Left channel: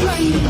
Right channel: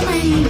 to my